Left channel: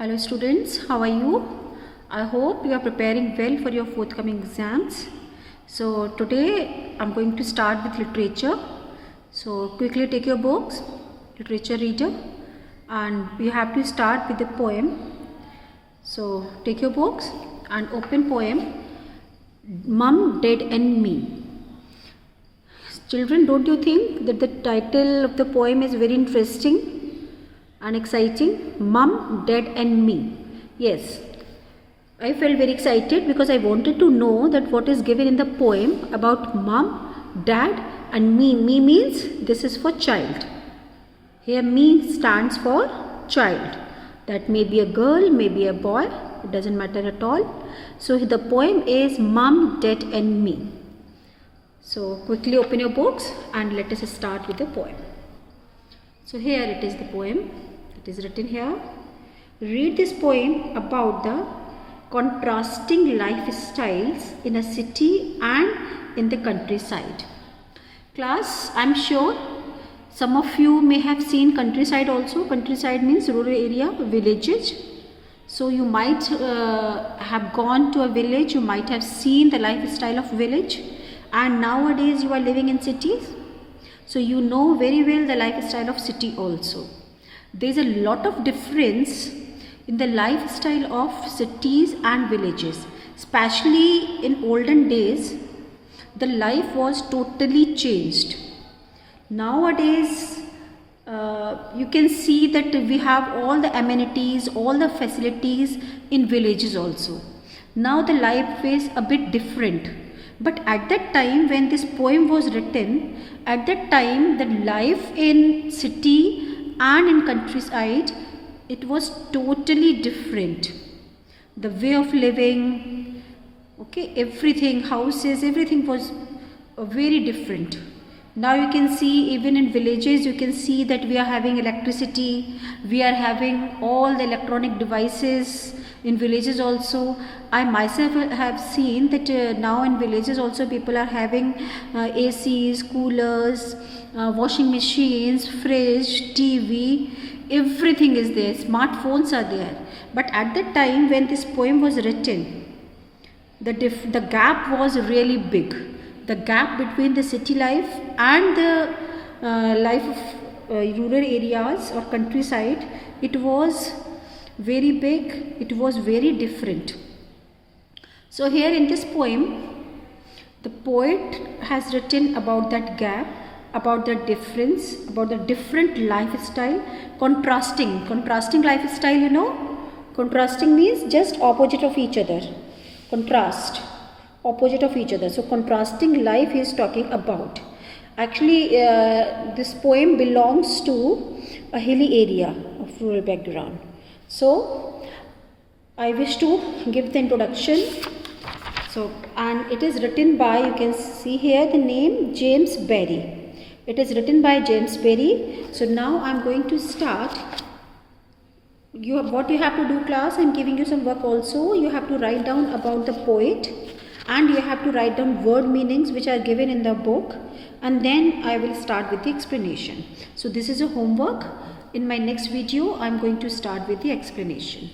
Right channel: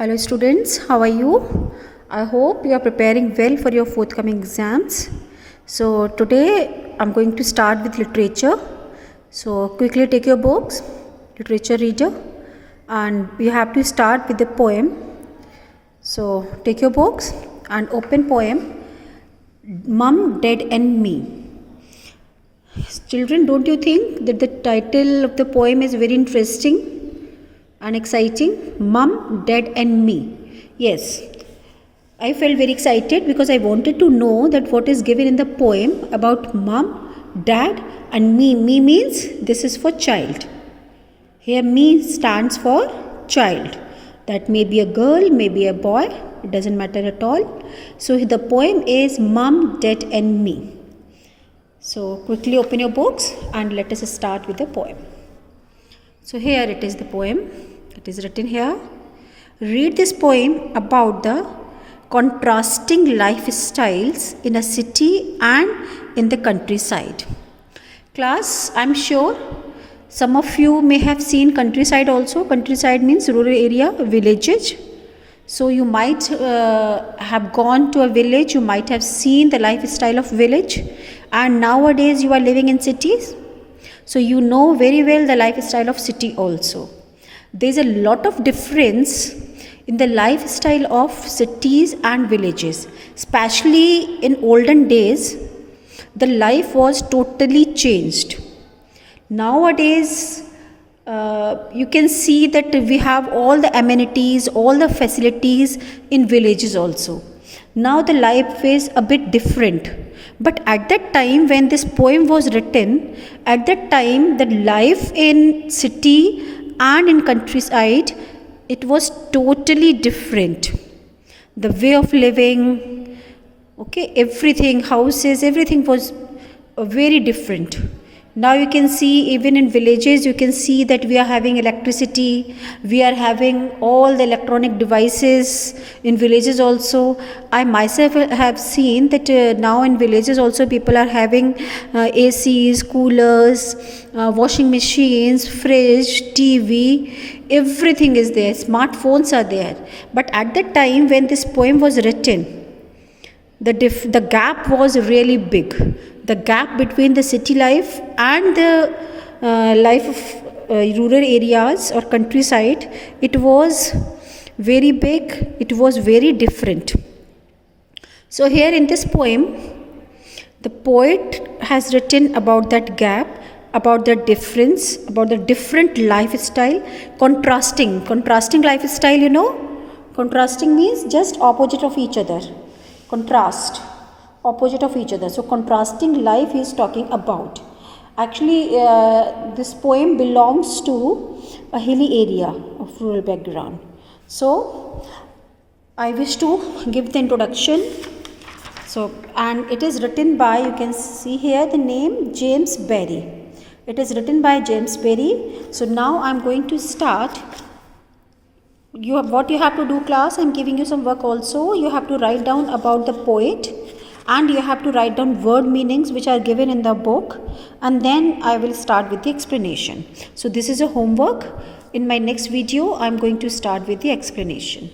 Hello students, how are you? I hope you are preparing well for your forthcoming exams. So today I'm going to start with literature. So quickly take your books, literature reader, and we have to start with the poem. So take your books and open poem Mum, Dad and Me. Children, don't you think that the title of the poem is very interesting and exciting? Mum, Dad and Me. Yes, I felt very excited because I wanted to know that what is given in the poem about mum, dad and me. Me means this is for child. Here me stands for child. That may be a girl, maybe a boy, it doesn't matter at all. So the poem is Mum, Dad and Me. So quickly open your books and let us start with the poem. So here it is, the poem. It is written here. Read this poem about the contrasting lifestyles in a city and in the countryside. Class, I'm sure some of you may have seen countryside also. Countryside means rural area, villages. So you might have gone to a village, you might have seen the lifestyle of village, and nowadays you are living in cities. So you know very well the lifestyle of city also. There is a lot of difference in the lifestyle of cities and villages. Especially in olden days, the life was totally changed. Nowadays, you can see that we have all the amenities, all the facilities in villages also. Now the life is a bit different. But at that time when this poem was written, at that time the life in city and in countryside, it was totally different. The way of living, okay, everything, houses, everything was very different. Now you can see even in villages, you can see that we are having electricity, we are having all the electronic devices in villages also. I myself have seen that now in villages also people are having ACs, coolers, washing machines, fridge, TV, everything is there, smartphones are there. But at that time when this poem was written, the gap was really big. The gap between the city life and the life of rural areas or countryside, it was very big, it was very different. So here in this poem, the poet has written about that gap, about the difference, about the different lifestyle, contrasting lifestyle, you know. Contrasting means just opposite of each other. Contrast, opposite of each other. So contrasting life he is talking about. Actually, this poem belongs to a hilly area of rural background. So I wish to give the introduction. So, and it is written by, you can see here the name James Barrie. It is written by James Barrie. So now I am going to start. What you have to do, class, I am giving you some work also. You have to write down about the poet and you have to write down word meanings which are given in the book, and then I will start with the explanation. So this is a homework. In my next video I am going to start with the explanation.